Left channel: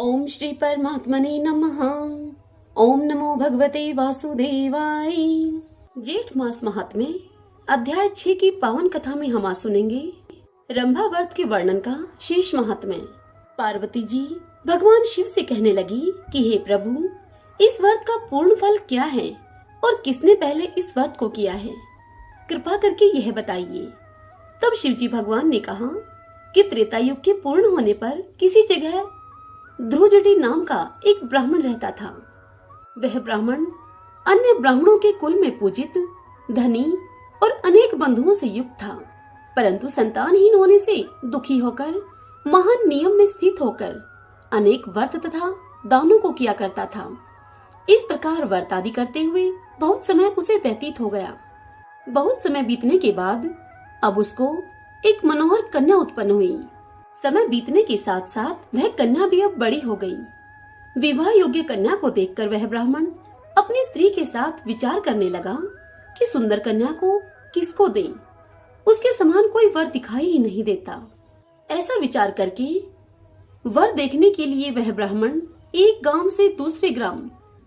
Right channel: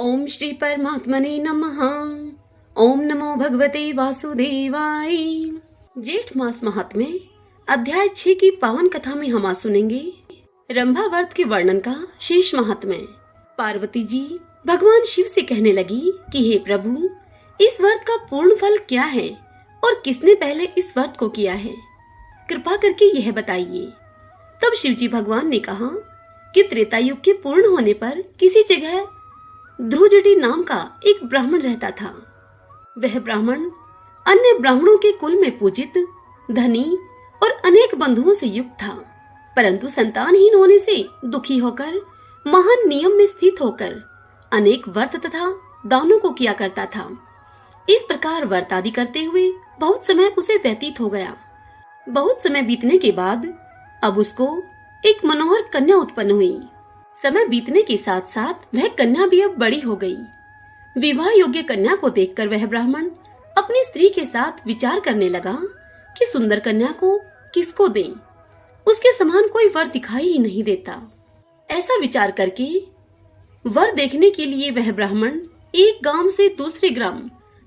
ओम श्री परमात्मने नमः। ओम नमो भगवते वासुदेवाय। जेठ मास महात्म्य अध्याय 6 की पावन कथा में हम आज सुनेंगे रंभा व्रत के वर्णन का शेष महात्म्य। पार्वती जी भगवान शिव से कहने लगी कि हे प्रभु, इस व्रत का पूर्ण फल क्या है और किसने पहले इस व्रत को किया है, कृपा करके यह बताइए। तब शिवजी भगवान ने कहा कि त्रेता युग के पूर्ण होने पर किसी जगह ध्रुवजटी नाम का एक ब्राह्मण रहता था। वह ब्राह्मण अन्य ब्राह्मणों के कुल में पूजित, धनी और अनेक बंधुओं से युक्त था, परंतु संतानहीन होने से दुखी होकर महान नियम में स्थित होकर अनेक व्रत तथा दानों को किया करता था। इस प्रकार व्रत आदि करते हुए बहुत समय उसे व्यतीत हो गया। बहुत समय बीतने के बाद अब उसको एक मनोहर कन्या उत्पन्न हुई। समय बीतने के साथ साथ वह कन्या भी अब बड़ी हो गई। विवाह योग्य कन्या को देखकर वह ब्राह्मण अपनी स्त्री के साथ विचार करने लगा कि सुंदर कन्या को किसको दें, उसके समान कोई वर दिखाई ही नहीं देता। ऐसा विचार करके वर देखने के लिए वह ब्राह्मण एक गांव से दूसरे ग्राम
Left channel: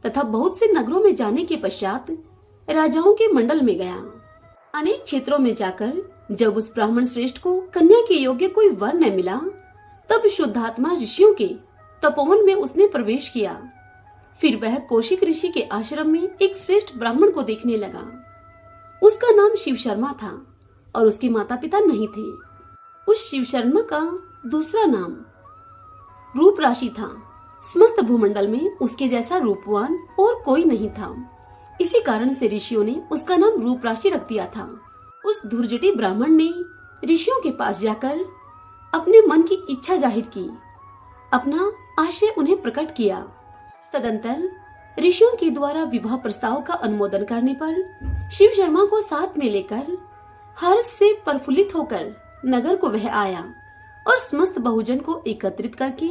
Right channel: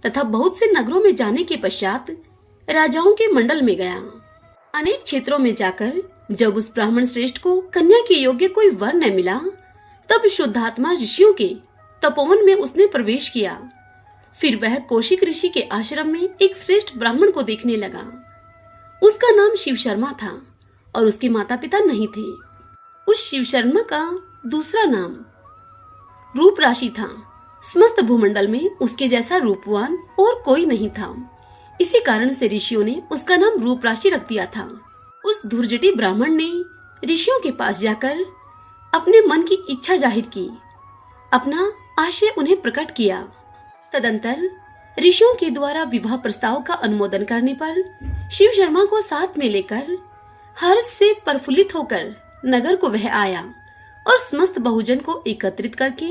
तथा बहुत से नगरों में जाने के पश्चात राजाओं के मंडल में गया। अनेक क्षेत्रों में जाकर जब उस ब्राह्मण श्रेष्ठ को कन्या के योग्य कोई वर न मिला, तब शुद्धात्मा ऋषियों के तपोवन में उसने प्रवेश किया। फिर वह कौशिक ऋषि के आश्रम में एक श्रेष्ठ ब्राह्मण को देखने लगा। उसका नाम शिव शर्मा था और उसके माता पिता नहीं थे। उस शिव शर्मा का दूसरा नाम रूप राशि था। समस्त भूमंडल में उसके जैसा रूपवान और कोई नहीं था। इसी कारण से ऋषियों ने उसका नाम रूप राशि रख दिया था। उस धुर्जटी ब्राह्मण ने ऋषियों के पास जाकर अपने मन की इच्छा जाहिर की, अपना आशय उन्हें प्रकट किया। तदंतर ऋषियों के द्वारा विवाह प्रस्ताव का अनुमोदन करने पर शिव शर्मा को साथ में लेकर हर्ष से प्रफुल्लित होकर नगर को वह आया और समस्त बहुजन को एकत्रित करके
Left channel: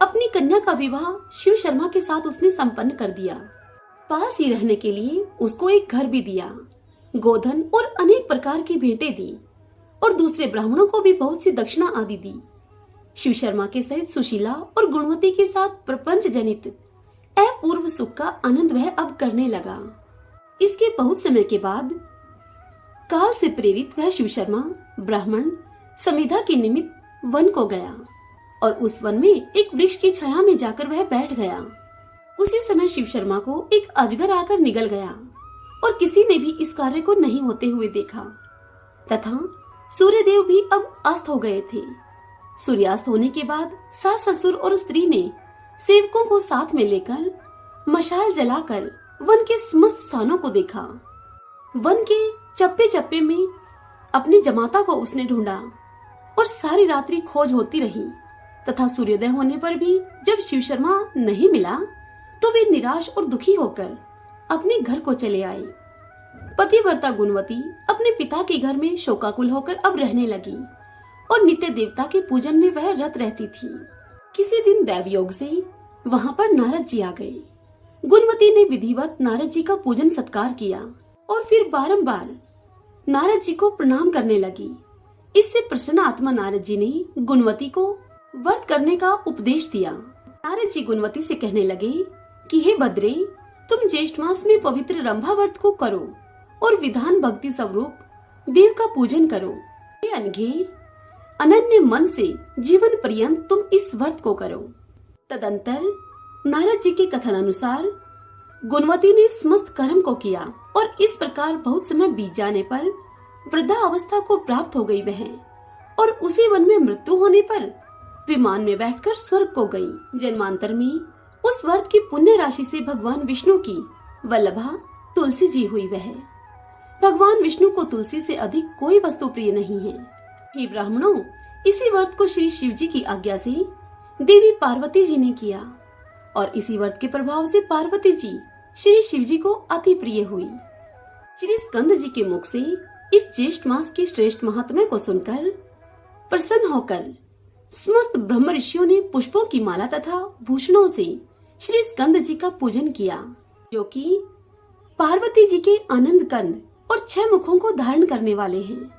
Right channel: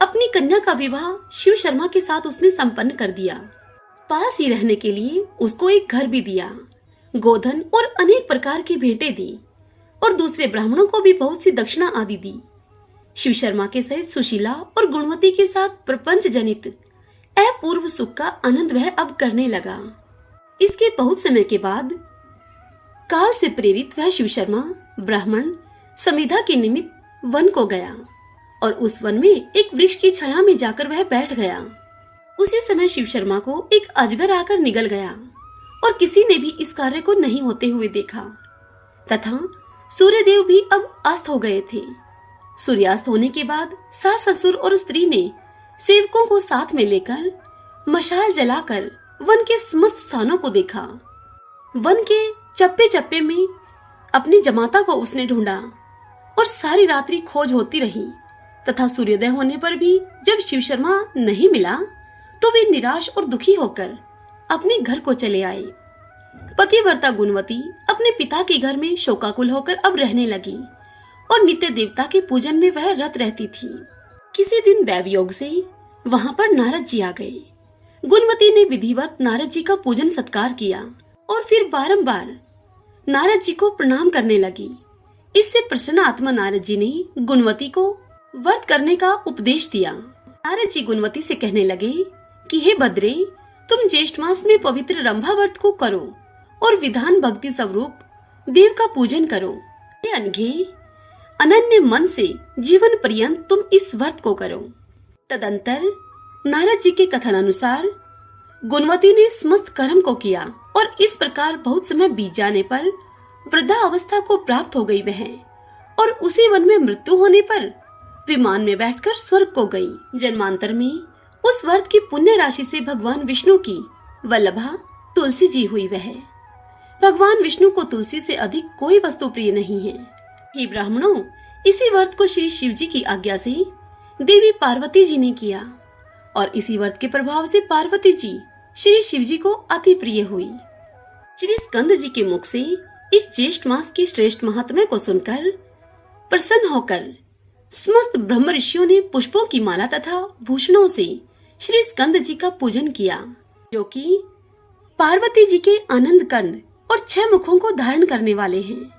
अपनी कन्या का विवाह शिव शर्मा के साथ उसने संपन्न कर दिया। पास ही रहने के लिए उसको एक घर भी दिया, गोधन और अनेक प्रकार की भेंटें दी और दूसरे ब्राह्मणों को भी बहुत सी दक्षिणा आदि दी। शिव शर्मा के सहित सुशीला और गुणवती के साथ प्रपंच जनित अपूर्व सुख का आनंद वह अब करने लगा। इसके बहुत समय के बाद काल से प्रेरित वह शिव शर्मा ब्राह्मण समिधा के निमित्त वन को गया और उस वन में एक वृक्ष की छाया में जाकर वह बैठ गया। उसी समय शिव शर्मा को एक अजगर आकर निगल गया और किसी ने भी इस कार्य को नहीं होते हुए देखा तथा सूर्यदेव भी अब अस्त हो गए थे। सूर्यास्त होने के बाद सास ससुर और स्त्री ने सेवकों को साथ में लेकर मशाल जलाकर वन के समस्त स्थानों को देखा। वन के चप्पे चप्पे में अपनी जमाता को उसने ढूंढा और सारी रात्रि खोज होती रही तथा सूर्योदय होने पर भी जब शिव शर्मा नहीं मिला तो वे निराश और दुखी होकर अपने घर को चले आए। पतिव्रता गुणवती अपने पिता के घर में शोकाकुल होकर अब रहने लगी और नित्य देवता के पूजन में वह रत रहती थी। किसी दिन दैव योग से वहां पर नारद जी आ गए। गुणवती ने विधिवत नारद जी का पूजन सत्कार किया और फिर बारंबार नारद जी को प्रणाम करने लगी। इससे प्रसन्न आत्मा नारद जी ने गुणवती को व्रत करने का उपदेश दिया। नारद जी गुणवती से कहने लगे कि हे भद्रे, तुम ज्येष्ठ मास में पवित्र रंभा व्रत को करो और विधान भक्ति स्वरूप देव का पूजन करो। हे अनघे, अनन्य मन से जीवन पर्यंत तुम इस व्रत को करो। तदंतर नारद जी के कथन अनुसार गुणवती ने समस्त कर्म को किया और इस प्रकार बहुत समय बीत जाने पर वृद्धा अवस्था को प्राप्त हो गई वह, और उसी वन में मृत्यु होने पर विमान में बैठकर स्वर्ग को गई। जन्मांतर में उस व्रत की पुण्य राशि से भगवान विष्णु की वल्लभा तुलसी जी हुई वह। भगवान विष्णु को तुलसी से अधिक कोई वस्तु प्रिय नहीं है। हे ब्राह्मणों, इसी व्रत को श्री शिव जी की आज्ञा से देवी पार्वती जी ने किया और इसी व्रत के प्रभाव से पार्वती जी श्री शिव जी को अति प्रिय हुई। श्री स्कंद जी के मुख से इस ज्येष्ठ मास के श्रेष्ठ महात्म्य को सुनकर प्रसन्न होकर समस्त ब्रह्म ऋषियों ने पुष्पों की माला तथा भूषणों से श्री स्कंद जी का पूजन किया, जो कि पार्वती जी के आनंद कंद और 6 मुखों को धारण करने वाले हैं।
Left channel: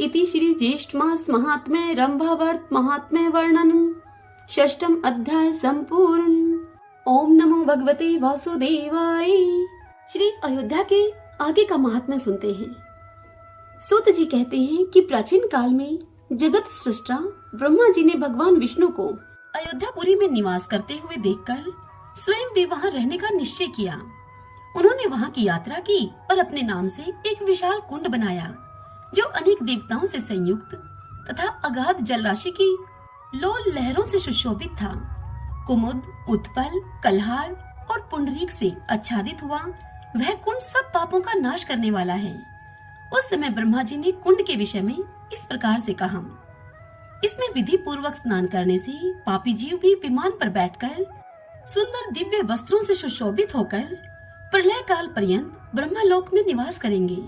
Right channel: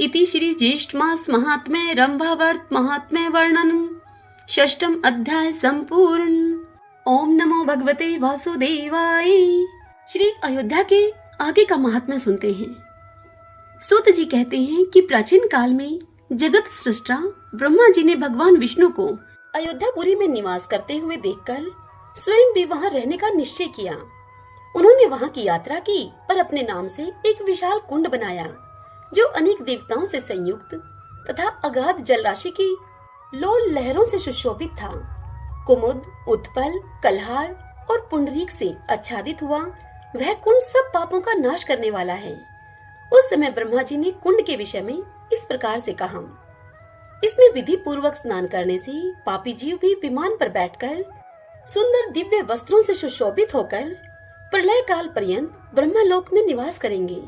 इति श्री ज्येष्ठ मास महात्म्य रंभा व्रत महात्म्य वर्णन षष्ठम अध्याय संपूर्ण। ओम नमो भगवते वासुदेवाय। श्री अयोध्या के आगे का महात्म्य सुनते हैं। सूत जी कहते हैं कि प्राचीन काल में जगत सृष्टा ब्रह्मा जी ने भगवान विष्णु को अयोध्यापुरी में निवास करते हुए देखकर स्वयं भी वहां रहने का निश्चय किया। उन्होंने वहां की यात्रा की और अपने नाम से एक विशाल कुंड बनाया जो अनेक देवताओं से संयुक्त तथा अगाध जलराशि की लोल लहरों से सुशोभित था। कुमुद, उत्पल, कल्हार और पुंडरीक से आच्छादित हुआ वह कुंड सब पापों का नाश करने वाला है। उस समय ब्रह्मा जी ने कुंड के विषय में इस प्रकार से कहा, इसमें विधि पूर्वक स्नान करने से पापी जीव भी विमान पर बैठकर सुंदर दिव्य वस्त्रों से सुशोभित होकर प्रलय काल पर्यंत ब्रह्मलोक में निवास करेंगे।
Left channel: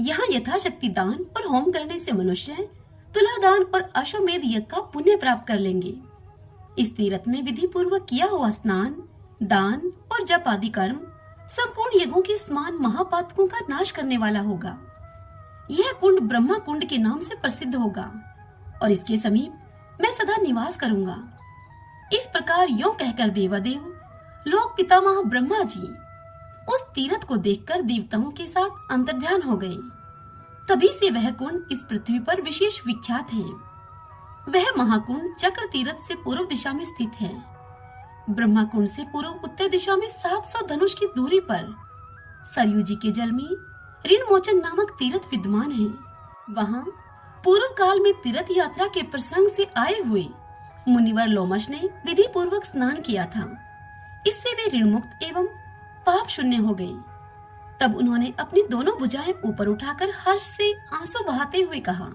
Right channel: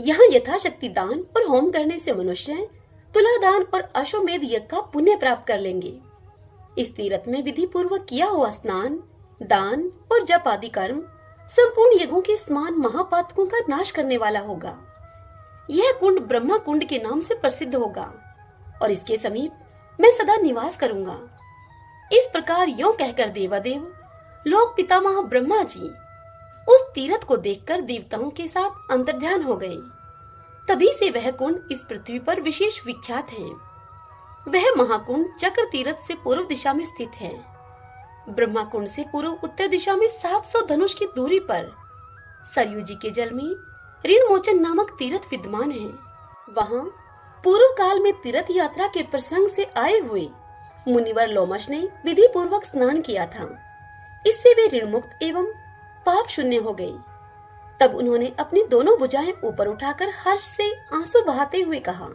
यहाँ यथाशक्ति दान और होम करने से मनुष्य तुला दान और अश्वमेध यज्ञ का पुण्य प्राप्त कर लेंगे। इस तीर्थ में विधि पूर्वक किया हुआ स्नान, दान और जप आदि कर्म संपूर्ण यज्ञों के समान महापातकों का नाश करने वाला होगा। यह कुंड ब्रह्मा कुंड के नाम से प्रसिद्ध होगा और इसके समीप मैं सदा निवास करूंगा। इस प्रकार यों कहकर देवादेव लोक पितामह ब्रह्मा जी उस तीर्थ को देखकर देवताओं के साथ अंतर्ध्यान हो गए। तभी से वह कुंड इस पृथ्वी पर विशेष विख्यात है। वह महाकुंड चक्र तीर्थ से पूर्व दिशा में स्थित है। ब्रह्मा कुंड से पूर्व उत्तर दिशा में 700 धनुष की दूरी पर सरयू जी के जल में ऋणमोचन नामक तीर्थ विद्यमान है। वहाँ पूर्व काल में तीर्थ यात्रा के प्रसंग से आए हुए मुनिवर लोमश ने विधि पूर्वक स्नान किया था। इससे वे ऋण मुक्त एवं पाप शून्य हो गए। तब उन्होंने अपनी दोनों भुजाएं ऊपर उठाकर हर्ष से आंसू बहाते हुए कहा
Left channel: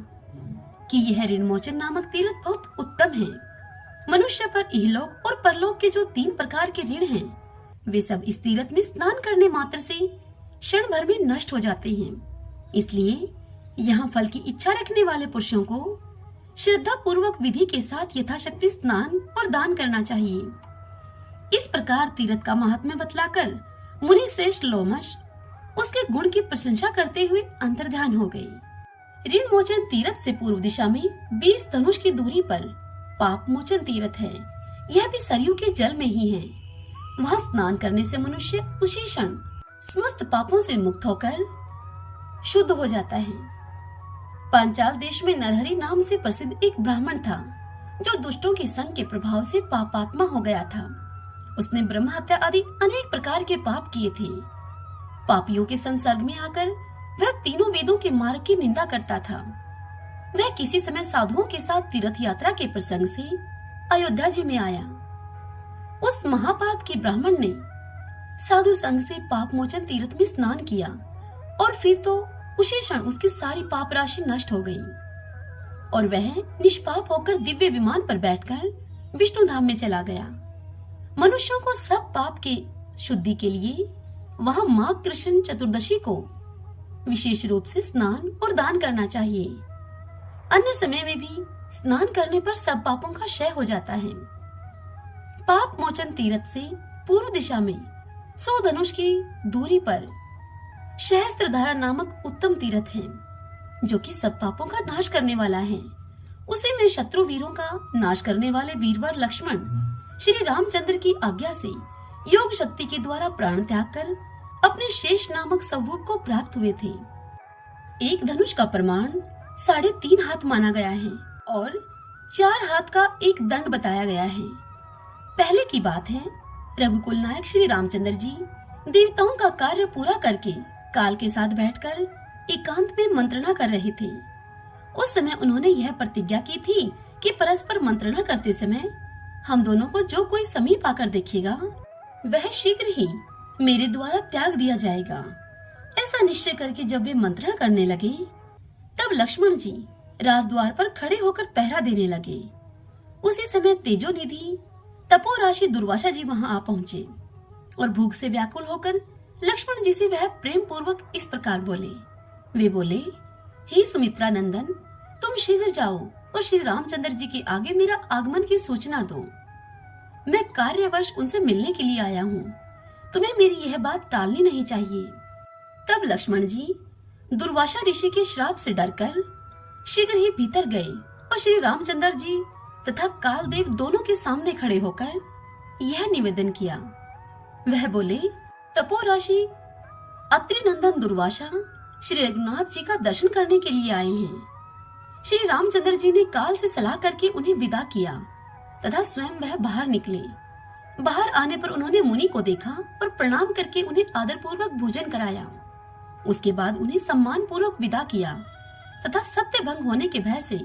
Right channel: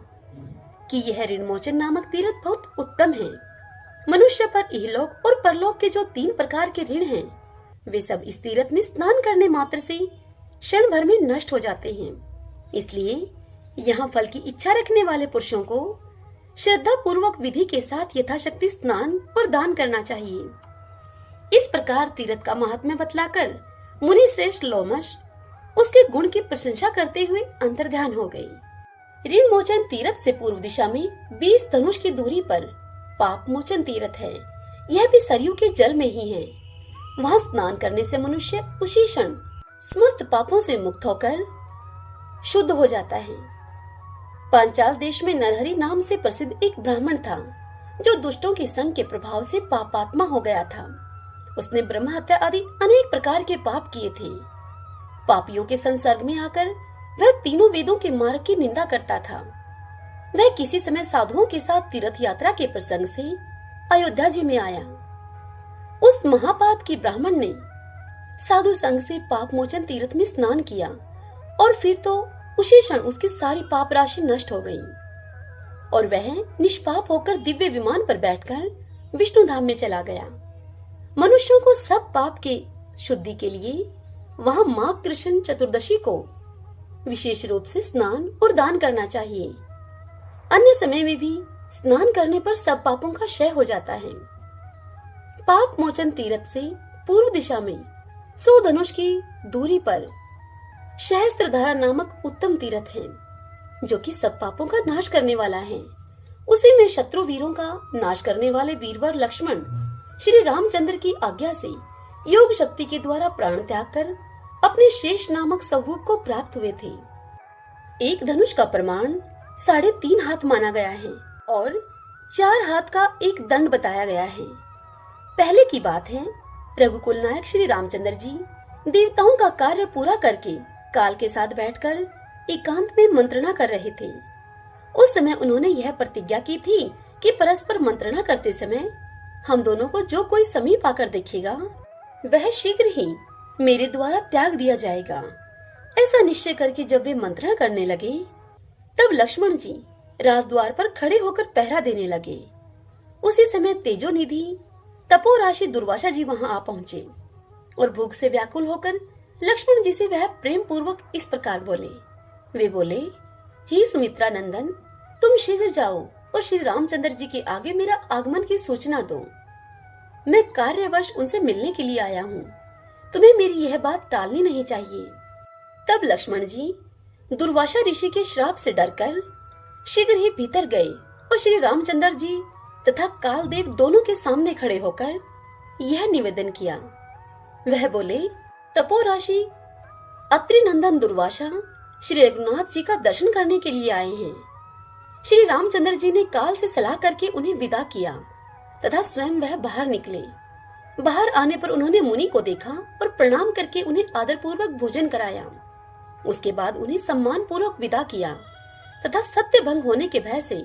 कि यह ऋणमोचन नामक तीर्थ बहुत उत्तम है। मनुष्य पर इहलोक और परलोक के जो 3 प्रकार के ऋण हैं, वे सब इस तीर्थ में स्नान करने मात्र से क्षण भर में नष्ट हो जाते हैं। इसलिए यहाँ फल की इच्छा रखने वाले पुरुषों को श्रद्धा पूर्वक विधि के साथ यथाशक्ति स्नान और दान करना चाहिए। इस प्रकार तीर्थ का महात्म्य बतलाकर मुनि श्रेष्ठ लोमश उसके गुण की प्रशंसा करते हुए अंतर्ध्यान हो गए। ऋण मोचन तीर्थ से पूर्व दिशा में 20 धनुष की दूरी पर पाप मोचन तीर्थ है। यह भी सरयू के जल में ही है। वहाँ स्नान करने से मनुष्य उसी क्षण समस्त पापों से मुक्त होकर शुद्ध हो जाता है। पांचाल देश में नरहरि नाम से प्रसिद्ध एक ब्राह्मण था जो दुष्टों के संग के प्रभाव से पापात्मा हो गया था। उसने ब्रह्म हत्या आदि अनेक प्रकार के पाप किए थे। पापियों के संसर्ग में आकर वह तीनों वेदों के मार्ग की निंदा करता था। वह किसी समय साधुओं के साथ तीर्थ यात्रा के प्रसंग से अयोध्या जी में आया। उस महापात के ब्राह्मण ने साधु संग से पाप मोचन तीर्थ में स्नान किया और फिर तो उसी क्षण उसकी सारी पाप राशि नष्ट हो गई और वह निष्पाप होकर दिव्य विमान पर बैठकर विष्णु धाम में चला गया। मनुष्यों को सब पाप के शुद्धि के लिए वहाँ माघ कृष्ण चतुर्दशी को विशेष रूप से स्नान और दान करना चाहिए। अन्य समय में भी स्नान करने पर सब पापों का क्षय हो जाता है। पाप मोचन तीर्थ से पूर्व दिशा में 100 धनुष की दूरी पर सहस्त्रधारा नामक उत्तम तीर्थ है जो कि सब पापों का नाश करने वाला है। उसी में शत्रु वीरों का नाश करने वाले वीरवर लक्ष्मण श्री रामचंद्र की आज्ञा से योग शक्ति के द्वारा प्राण त्याग कर अपने शेष नामक स्वरूप को प्राप्त हुए थे। एक धनुष का प्रमाण 3.5 हाथ माना गया है और 4 हाथ का एक दंड बताया गया है। पहले की बात है, रघुकुल नायक श्री रामचंद्र जी देवताओं का कार्य पूरा करके काल के साथ बैठकर एकांत में मंत्रणा कर रहे थे। उस समय उन्होंने यह प्रतिज्ञा की थी कि परस्पर मंत्रणा करते समय हम दोनों को जो कोई समीप आकर देखेगा वह शीघ्र ही मेरे द्वारा त्याग दिया जाएगा। ऐसा निश्चय करके जब वे मंत्रणा करने लगे तब लक्ष्मण जी राजद्वार पर खड़े होकर पहरा देने लगे। उसी समय तेजोनिधि तपोराशि दुर्वासा जी वहां आ पहुंचे और भूख से व्याकुल होकर लक्ष्मण जी से वह प्रेम पूर्वक इस प्रकार बोले। वे बोले, हे सुमित्रा नंदन, तुम शीघ्र जाओ और श्री रामचंद्र जी के आगे मेरा आगमन की सूचना दो। मैं कार्यवश उनसे मिलने के लिए आया हूँ। तुम्हें मेरी यह बात टालनी नहीं चाहिए। तब लक्ष्मण जी दुर्वासा ऋषि के श्राप से डरकर शीघ्र ही भीतर गए और श्री रामचंद्र जी तथा कालदेव दोनों के सामने खड़े होकर यह निवेदन किया। वह बोले, तपोराशि अत्रि नंदन दुर्वासा श्री रघुनाथ जी का दर्शन करने के लिए आए हैं। श्री रामचंद्र जी ने काल से सलाह करके उन्हें विदा किया तथा स्वयं वह बाहर निकले। बाहर आने पर उन्होंने मुनि को देखा और प्रणाम करके उन्हें आदर पूर्वक भोजन कराया। उसके बाद उन्हें सम्मान पूर्वक विदा किया तथा सत्य भंग होने के भय से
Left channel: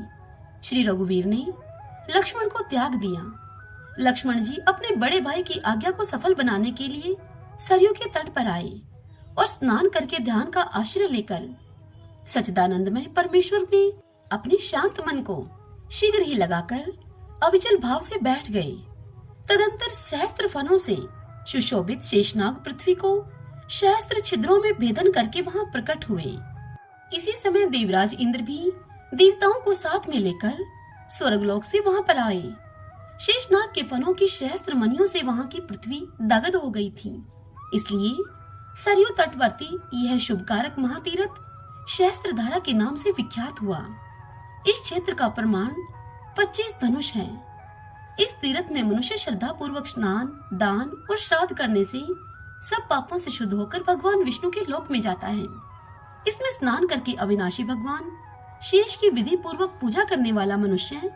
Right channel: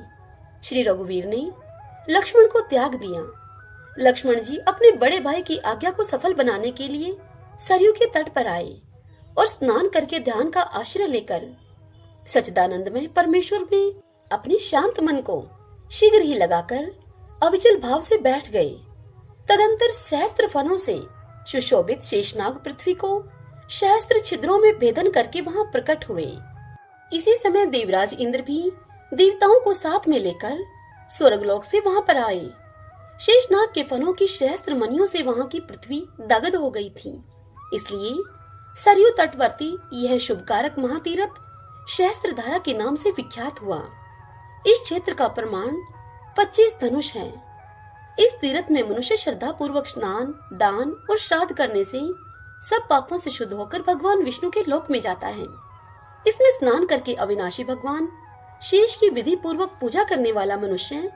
श्री रघुवीर ने लक्ष्मण को त्याग दिया। लक्ष्मण जी अपने बड़े भाई की आज्ञा को सफल बनाने के लिए सरयू के तट पर आए और स्नान करके ध्यान का आश्रय लेकर सच्चिदानंदमय परमेश्वर में अपने शांत मन को शीघ्र ही लगाकर अविचल भाव से बैठ गए। तदंतर सहस्त्र फनों से सुशोभित शेषनाग पृथ्वी को सहस्त्र छिद्रों में भेदन करके वहां प्रकट हुए। इसी समय देवराज इंद्र भी देवताओं को साथ में लेकर स्वर्गलोक से वहां पर आए। शेषनाग के फनों की सहस्त्र मणियों से वहां की पृथ्वी दग्ध हो गई थी। इसलिए सरयू तटवर्ती यह शुभकारक महातीरथ सहस्त्रधारा के नाम से विख्यात हुआ। इस क्षेत्र का प्रमाण 25 धनुष है। इस तीर्थ में मनुष्य श्रद्धा पूर्वक स्नान, दान और श्राद्ध करने से सब पापों से शुद्ध होकर भगवान विष्णु के लोक में जाता है। इसमें स्नान करके अविनाशी भगवान शेष की विधि पूर्वक पूजा करने वाला मनुष्य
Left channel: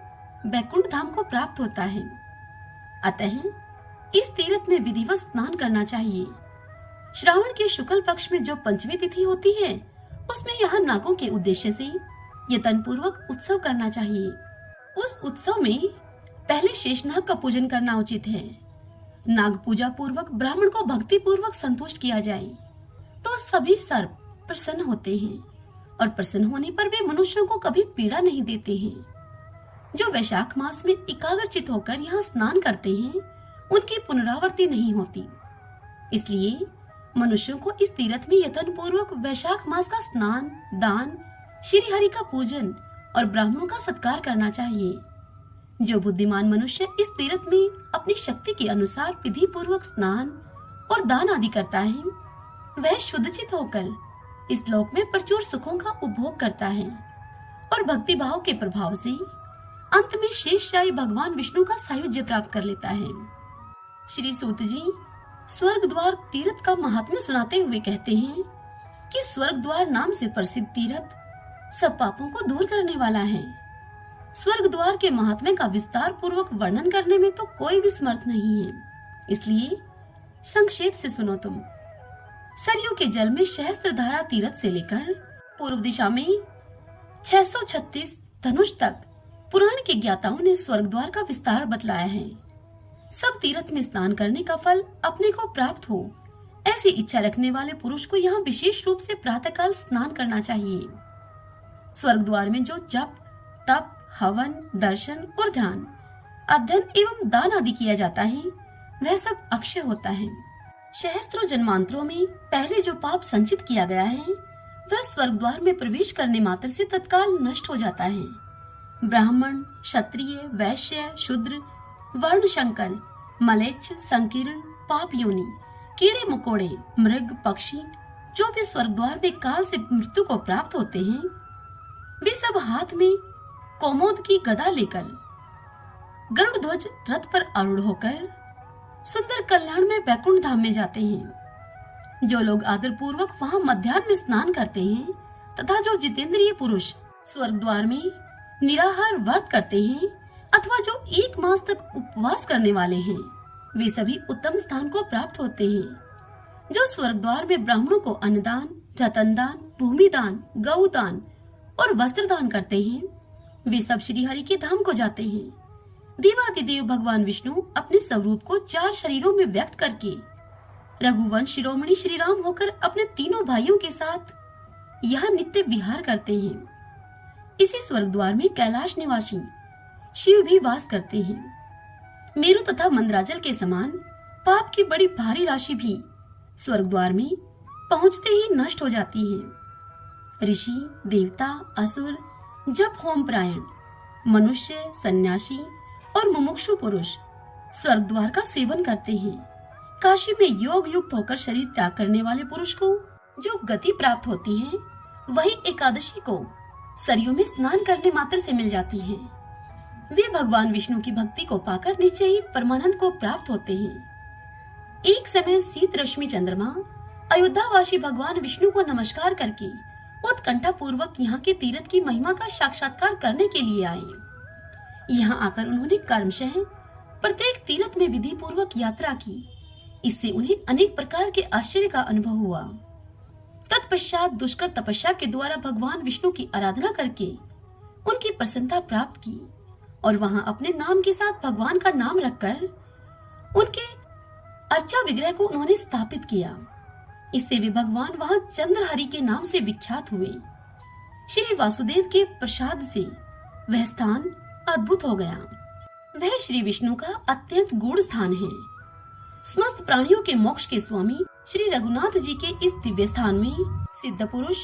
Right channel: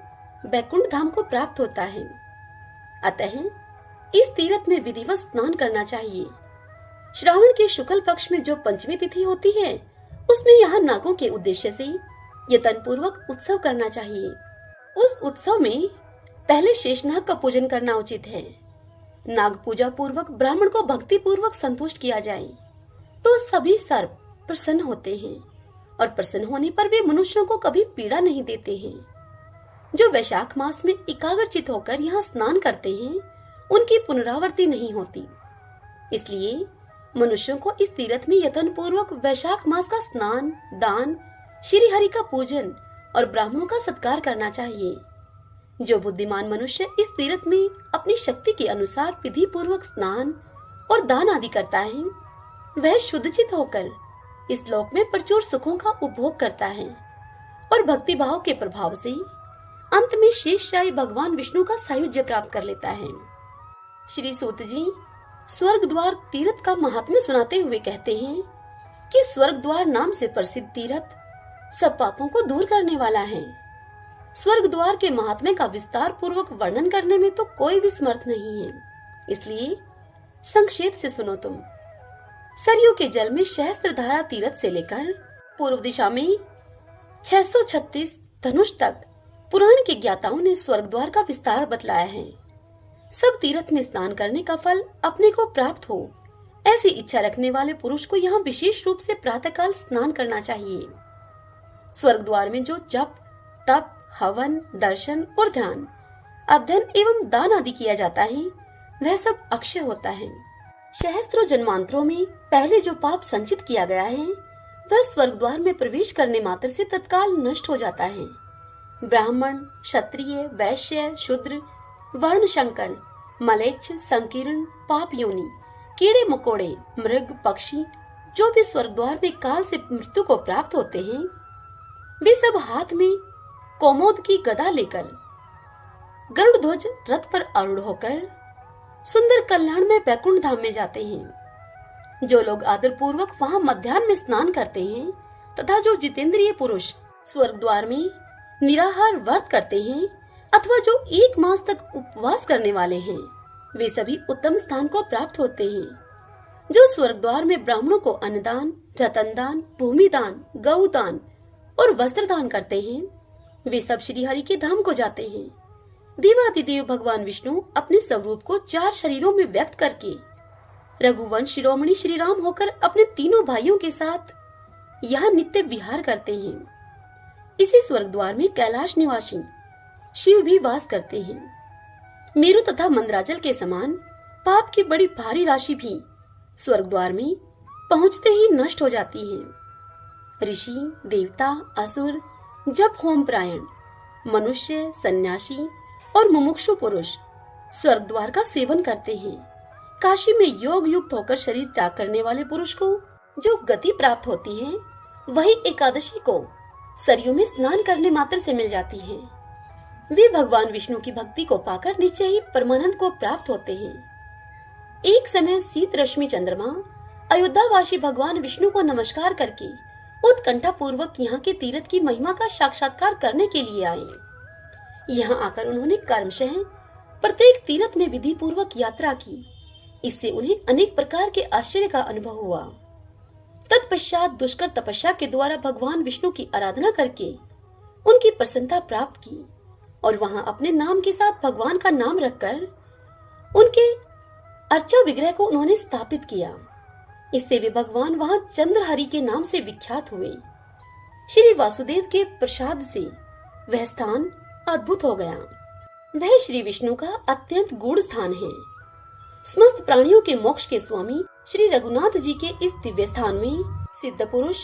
बैकुंठ धाम को प्राप्त होता है। अतः इस तीर्थ में विधिवत स्नान करना चाहिए। श्रावण के शुक्ल पक्ष में जो पंचमी तिथि होती है, उसमें यहाँ नागों के उद्देश्य से यतन पूर्वक उत्सव करना चाहिए। उस उत्सव में पहले शेषनाग का पूजन करना उचित है। नाग पूजा पूर्वक ब्राह्मण को भक्ति पूर्वक संतुष्ट किया जाए तो सभी सर्प प्रसन्न होते हैं और प्रसन्न होने पर वे मनुष्यों को कभी पीड़ा नहीं देते हैं। जो वैशाख मास में एकाग्रचित होकर यहाँ स्नान करते हैं, उनकी पुनरावृत्ति नहीं होती। इसलिए मनुष्यों को इस तीर्थ में यत्न पूर्वक वैशाख मास का स्नान, दान, श्री हरि का पूजन और ब्राह्मणों का सत्कार करना चाहिए। जो बुद्धिमान मनुष्य इस तीर्थ में अपनी शक्ति के अनुसार विधि पूर्वक स्नान और दान आदि करता है, वह शुद्धचित होकर इस लोक में प्रचुर सुखों का उपभोग करता है और भक्ति भाव के प्रभाव से अंत में शेषशाही भगवान विष्णु का सायुज्य प्राप्त कर लेता है। श्री सूत जी स्वर्ग द्वार तीर्थ का महात्म्य सुनाते हुए कहते हैं कि स्वर्ग द्वार नाम से प्रसिद्ध तीर्थ सब पापों को दूर करने वाला है। स्वर्ग द्वार के महात्म्य का विस्तार पूर्वक वर्णन करने में तो कोई भी समर्थ नहीं है, इसलिए संक्षेप से सुनो तुम। सरयू के जल में सहस्त्रधारा तीर्थ से लेकर पूर्व दिशा में 636 धनुष तक पुराण के ज्ञाताओं ने स्वर्ग द्वार का विस्तार बतलाया है। सब तीर्थ में स्नान करने का फल अपने को प्राप्त हो, ऐसी इच्छा रखने वाले पुरुष को यहाँ विशेष रूप से प्रातःकाल स्नान करना चाहिए। स्वर्ग द्वार में जो जप, तप, हवन, दर्शन और ध्यान, अध्ययन एवं दान आदि किया जाता है, वह सब अक्षय होता है। सहस्त्रों जन्मांतरों में पहले जो पाप संचित किया गया है, वह स्वर्ग द्वार में प्रवेश करने मात्र से तत्काल नष्ट हो जाता है। ब्राह्मण, क्षत्रिय, वैश्य, शूद्र, वर्ण शंकर, मलेच्छ, संकीर्ण, पाप योनि, कीड़े मकोड़े, मृग, पक्षी जो भी स्वर्ग द्वार में काल से मृत्यु को प्राप्त होते हैं, वे सब हाथ में कौमोद की गदा लेकर गरुड़ ध्वज रथ पर आरूढ़ होकर सुंदर कल्याण में बैकुंठ धाम में जाते हैं। जो लोग आदर पूर्वक वहाँ मध्याह्न में स्नान करते हैं तथा जो जितेंद्रिय पुरुष स्वर्ग द्वार में निराहार व्रत करते हैं अथवा जो 1 मास तक उपवास करने वाले हैं, वे सभी उत्तम स्थान को प्राप्त होते हैं। जो स्वर्ग द्वार में ब्राह्मणों को अन्नदान, रतनदान, भूमिदान, गौदान और वस्त्र दान करते हैं, वे सब श्री हरि के धाम को जाते हैं। देवादिदेव भगवान विष्णु अपने स्वरूप को 4 शरीरों में व्यक्त करके रघुवंश शिरोमणि श्री राम होकर अपने तीनों भाइयों के साथ यहाँ नित्य विहार करते हैं। इसी स्वर्ग द्वार में कैलाश निवासी शिव भी वास करते हैं। मेरु तथा मंदराचल के समान पाप की बड़ी भारी राशि भी स्वर्ग द्वार में पहुंचते ही नष्ट हो जाती है। ऋषि, देवता, असुर, जप होम प्रायण, मनुष्य, सन्यासी और मुमुक्षु पुरुष स्वर्ग द्वार का सेवन करते हैं। काशी में योग युक्त होकर शरीर त्याग करने वाले पुरुष को जो गति प्राप्त होती है, वही एकादशी को सरयू में स्नान करने मात्र से मिल जाती है। वे भगवान विष्णु की भक्ति को पाकर निश्चय ही परमानंद को प्राप्त होते हैं। एक समय शीत रश्मि चंद्रमा अयोध्यावासी भगवान विष्णु को नमस्कार करके उत्कंठा पूर्वक यहाँ के तीर्थ की महिमा का साक्षात्कार करने के लिए आए। यहाँ आकर उन्होंने कर्मशः प्रत्येक तीर्थ में विधि पूर्वक यात्रा की। इससे उन्हें अनेक प्रकार के आश्चर्य का अनुभव हुआ। तत्पश्चात दुष्कर तपस्या के द्वारा भगवान विष्णु की आराधना करके उनकी प्रसन्नता प्राप्त की और वहां अपने नाम के साथ भगवान का नाम रखकर उनके अर्चा विग्रह को उन्होंने स्थापित किया। इससे वे भगवान वहां चंद्रहरि के नाम से विख्यात हुए। श्री वासुदेव के प्रसाद से वह स्थान अद्भुत हो गया। वह श्री विष्णु का अत्यंत गूढ़ स्थान है। समस्त प्राणियों के मोक्ष के स्वामी श्री रघुनाथ जी के इस दिव्य स्थान में सिद्ध पुरुष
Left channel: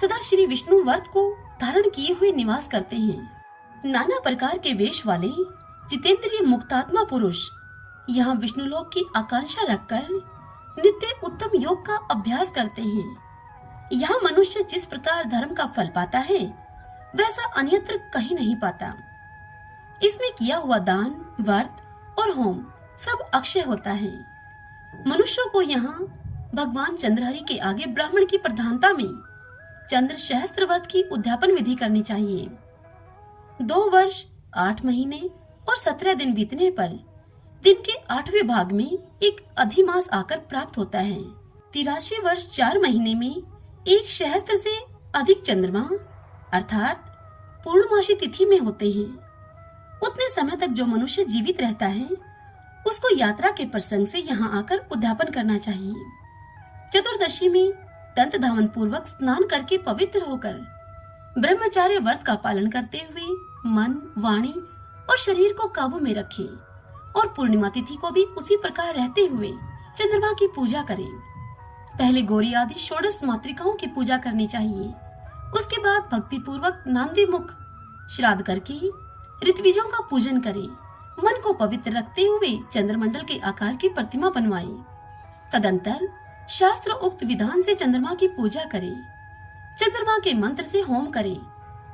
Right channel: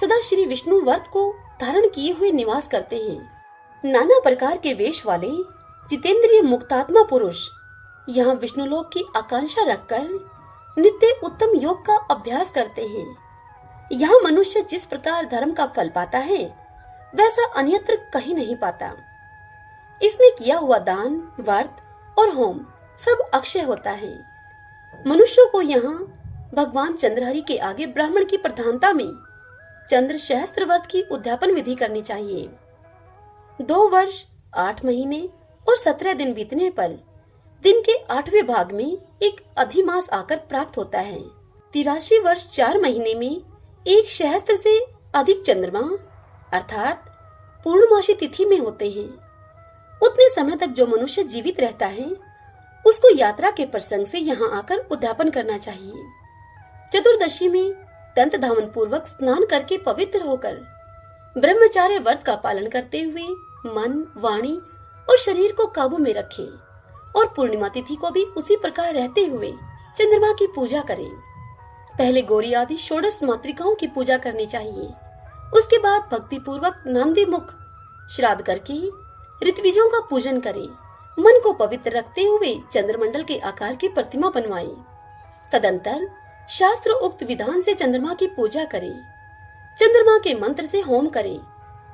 सदा श्री विष्णु व्रत को धारण किए हुए निवास करते हैं। नाना प्रकार के वेश वाले जितेंद्रिय मुक्तात्मा पुरुष यहाँ विष्णु लोक की आकांक्षा रखकर नित्य उत्तम योग का अभ्यास करते हैं। यहाँ मनुष्य जिस प्रकार धर्म का फल पाता है वैसा अन्यत्र कहीं नहीं पाता। इसमें किया हुआ दान, व्रत और होम सब अक्षय होता है। मनुष्यों को यहाँ भगवान चंद्रहरि के आगे ब्राह्मण की प्रधानता में चंद्र सहस्त्र व्रत की उद्यापन विधि करनी चाहिए। 2 वर्ष 8 महीने और 17 दिन बीतने पर दिन के 8वें भाग में एक अधिमास आकर प्राप्त होता है। 83 वर्ष 4 महीने में एक सहस्त्र से अधिक चंद्रमा अर्थात पूर्णमासी तिथि में होते हैं। उतने समय तक जो मनुष्य जीवित रहता है उसको यात्रा के प्रसंग से यहाँ आकर उद्यापन करना चाहिए। चतुर्दशी में दंत धावन पूर्वक स्नान करके पवित्र होकर ब्रह्मचार्य व्रत का पालन करते हुए मन, वाणी और शरीर को काबू में रखें और पूर्णिमा तिथि को भी उसी प्रकार रहते हुए चंद्रमा की पूजा करें। पहले गौरी आदि षोडश मातृकाओं की पूजा करनी चाहिए। उसके बाद भक्ति पूर्वक नांदी मुख श्राद्ध करके ऋत्विजों का पूजन करें। मन को पवित्र रखते हुए चंद्रमंडल के आकार की प्रतिमा बनवाएं। तदंतर शास्त्र उक्त विधान से चंद्रमा की पूजा करें। चंद्रमा के मंत्र से होम करें।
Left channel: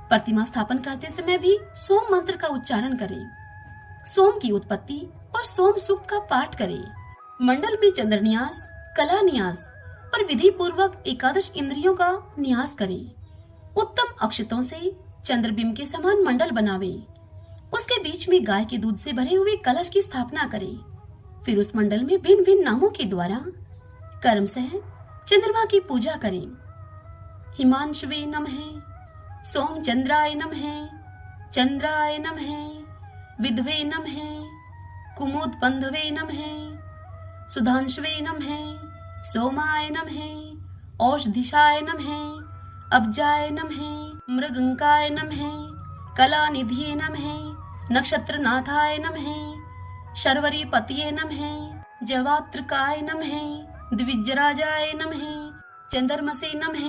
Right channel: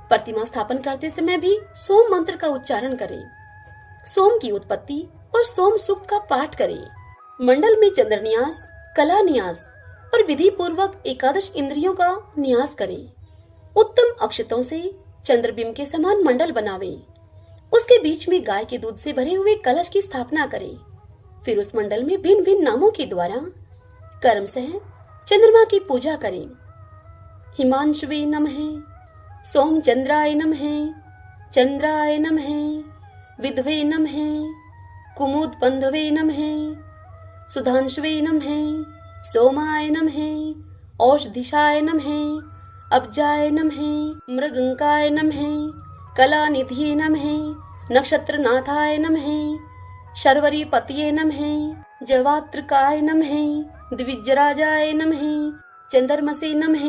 प्रतिमा स्थापन करते समय भी सोम मंत्र का उच्चारण करें। सोम की उत्पत्ति और सोम सूक्त का पाठ करें। मंडल में चंद्र न्यास, कला न्यास और विधि पूर्वक 11 इंद्रियों का न्यास करें। उत्तम अक्षतों से चंद्रबिंब के समान मंडल बनावें। उसके बीच में गाय के दूध से भरे हुए कलश की स्थापना करें। फिर उस मंडल में भिन्न भिन्न नामों के द्वारा कर्म से चंद्रमा की पूजा करें। हिमांशवे नमः, सोम चंद्राय नमः, चंद्राय नमः, विद्वे नमः, कुमुद बंधवे नमः, सुधांशवे नमः, सोमाय नमः, औषधिशाय नमः, अब्जाय नमः, मृगंकाय नमः, कला निधिये नमः, नक्षत्रनाथाय नमः, शर्वरी पतिये नमः, जवात्रकाय नमः, द्विजराजाय नमः, चंद्रमसे नमः।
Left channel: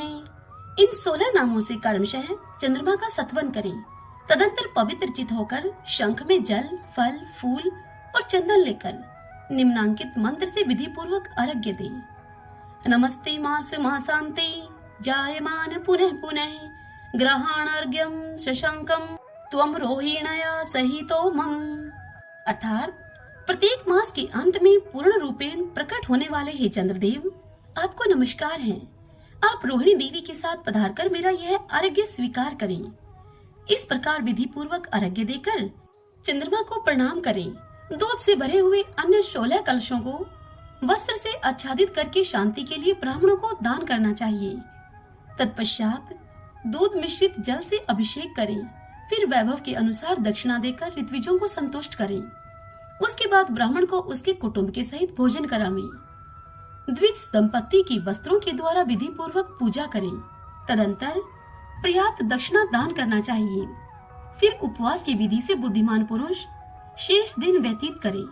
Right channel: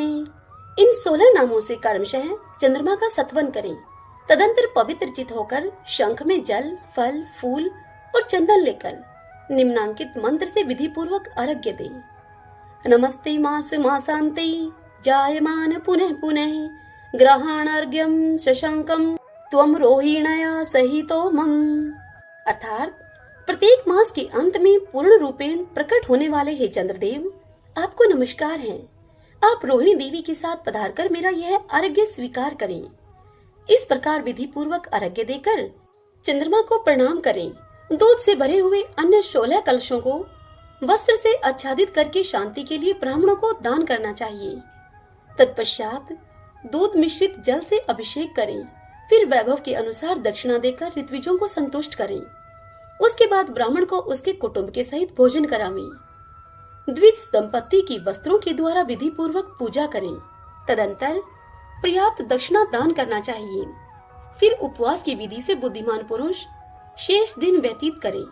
इन 16 नामों से कर्मशः चंद्रमा का सत्वन करें। तदंतर पवित्र चित होकर शंख में जल, फल, फूल और चंदन लेकर निम्नांकित मंत्र से विधि पूर्वक अर्घ्य दें। नमस्ते मास मासांते जायमान पुनः पुनः ग्रहणार्घ्यम शशांकम त्वम रोहिणया सहितो मम। अर्थात प्रत्येक मास के अंत में पूर्ण रूपेण प्रकट होने वाले हे चंद्रदेव, आपको नमस्कार है। आप रोहिणी देवी के साथ पधारकर मेरा यह अर्घ्य स्वीकार करें। इस प्रकार विधि पूर्वक अर्घ्य देकर चंद्रमा को प्रणाम करें। दूध से भरे हुए अन्य 16 कलशों को वस्त्र से आच्छादित करके शांति के लिए ब्राह्मणों को दान करना चाहिए। तत्पश्चात दूध मिश्रित जल से अभिषेक करें। फिर वैभव के अनुसार दक्षिणा देकर ऋत्विजों को संतुष्ट करें। उसके बाद ब्राह्मण को उसके कुटुंब के सहित भोजन करावें। द्विज दंपत्ति की वस्त्रों के द्वारा विधि पूर्वक पूजा करें। तदंतर पर्याप्त दक्षिणा दान करना चाहिए। फिर उपवास की विधि से बुद्धिमान पुरुष शेष दिन व्यतीत करें।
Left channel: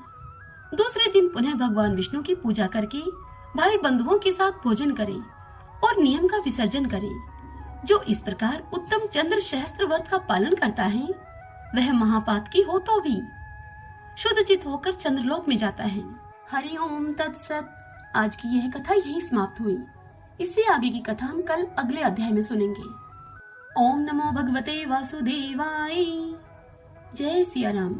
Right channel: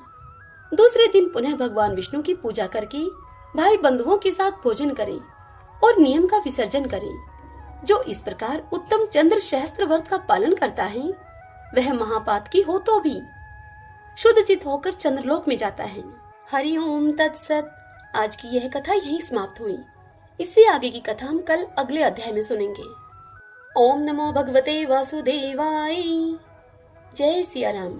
दूसरे दिन पुनः भगवान विष्णु की पूजा करके भाई बंधुओं के साथ भोजन करें और नियम का विसर्जन करें। जो इस प्रकार उत्तम चंद्र सहस्त्र व्रत का पालन करता है वह महापात की हो तो भी शुद्ध चित होकर चंद्रलोक में जाता है। हरि ओम तत्सत। आज की यह कथा यहीं समाप्त हुई। इससे आगे की कथा हम कल अगले अध्याय में सुनेंगे। ओम नमो भगवते वासुदेवाय। जय सिया राम।